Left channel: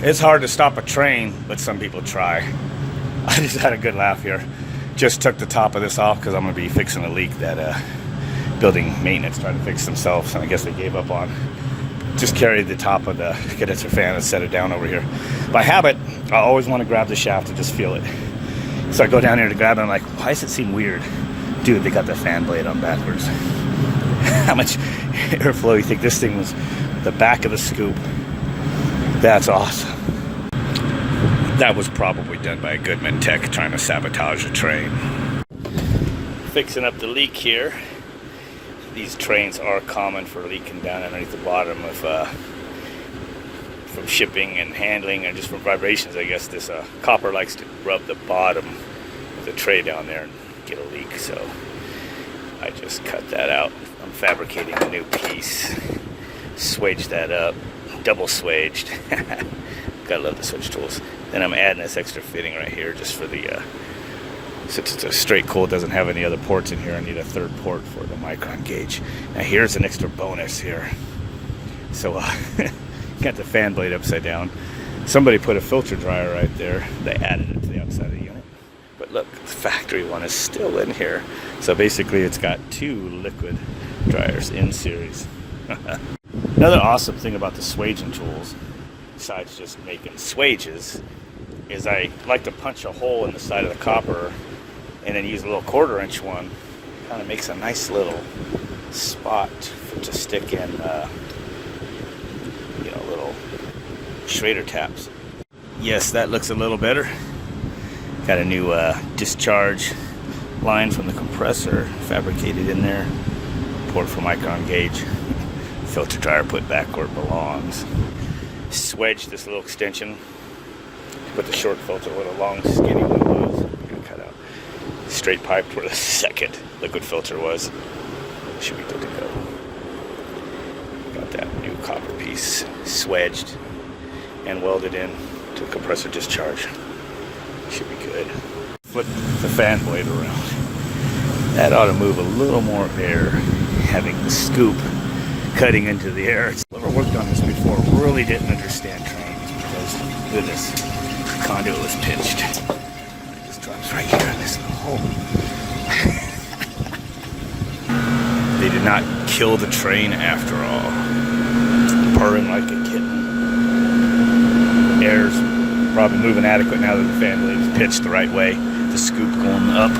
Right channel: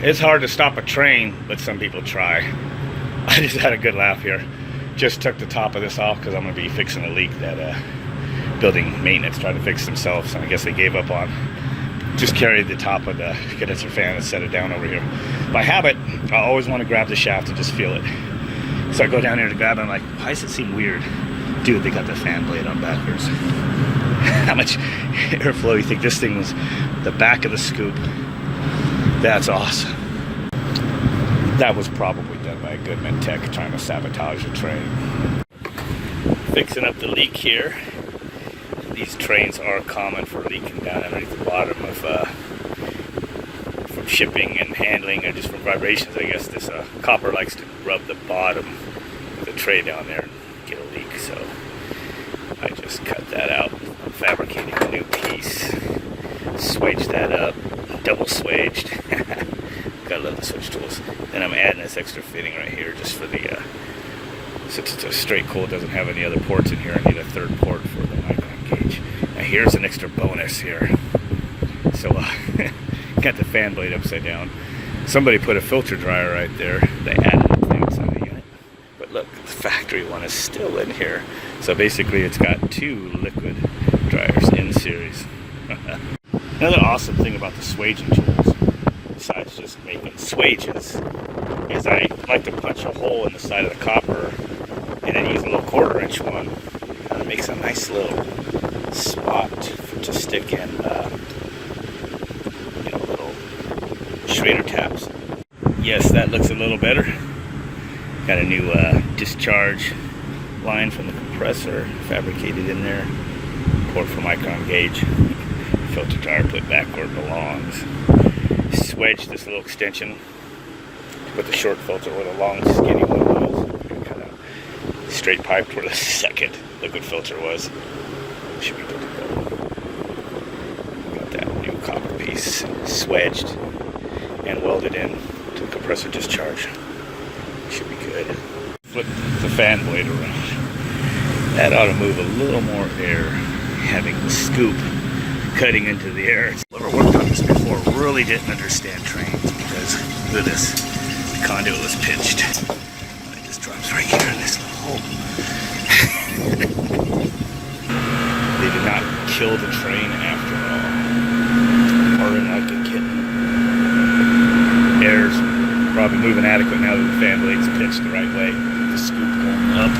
It's hard to stop a train, but some people try. I just had a good laugh here. Just took the top of this off because I'm going to be fixing a leak that building maintenance tried to fix themselves, and I guess they gave up on. Just carried the top of the condenser fan and set it down over here. By habit, I always want to grab the shaft and just feel it. So I go down here to grab it, and I'm like, why does it seem weird? Dude, they got the fan blade on backwards. How much airflow you think this thing was? The back of the scoop. That's awesome. That was probably done by a Goodman tech trying to sabotage a train. Fixing up the leak here. These trains are common for leaking down underneath the bottom of from shipping and handling and just from vibrations. I guess this copper likes to rub the bottom of the tray down there and get a leak. So I just cut that out. I'm fabricating a new piece. Swaged that up. Double swaged. Gotta love the switch tools. Then I'm adding this extra fitting right here just for the since it's a straight coil, doesn't have any other ports in here. I need a third port for the micron gauge. Now here's an extra bonus here. So got the fan blade upside down. Somebody put a filter dryer right there. They added it to the outside of the unit. But look, the factory one is still in here. So basically it's got 2 liquid dryers in series. Another awesome thing about the swaging tools, besides just making swages, is I like to punch a hole in the side of the copper and then use a little 1/4-inch one. Kind of makes a nice little spot to stick in, little Schrader taps. Yes, that looks a little better. Got a new discharge lines from the compressor fabricated in there. Port for micron gauge. Filter dryer put back where it belongs. Swedged this little extension with the short filter where the long skinny one was. Cut out straight pipe where the second liquid filter was. Should be good to go. Got that new copper piece swedged and welded in to the compressor discharge. Should be good. Flip the fan blade around. That ought to move a little more air, having the scoop cutting into the air. Whoever worked on this before really didn't understand trains, because look at this. The conduit was pinched. It just drops right here in this little hole. They did not kill the train after all. Purring like a kitten. Air's probably moving adequate now that the fan blade's pitched the right way. The scoop going up.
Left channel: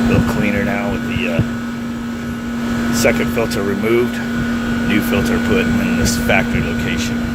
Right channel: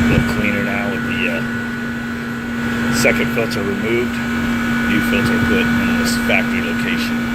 A little cleaner now with the second filter removed, new filter put in this factory location.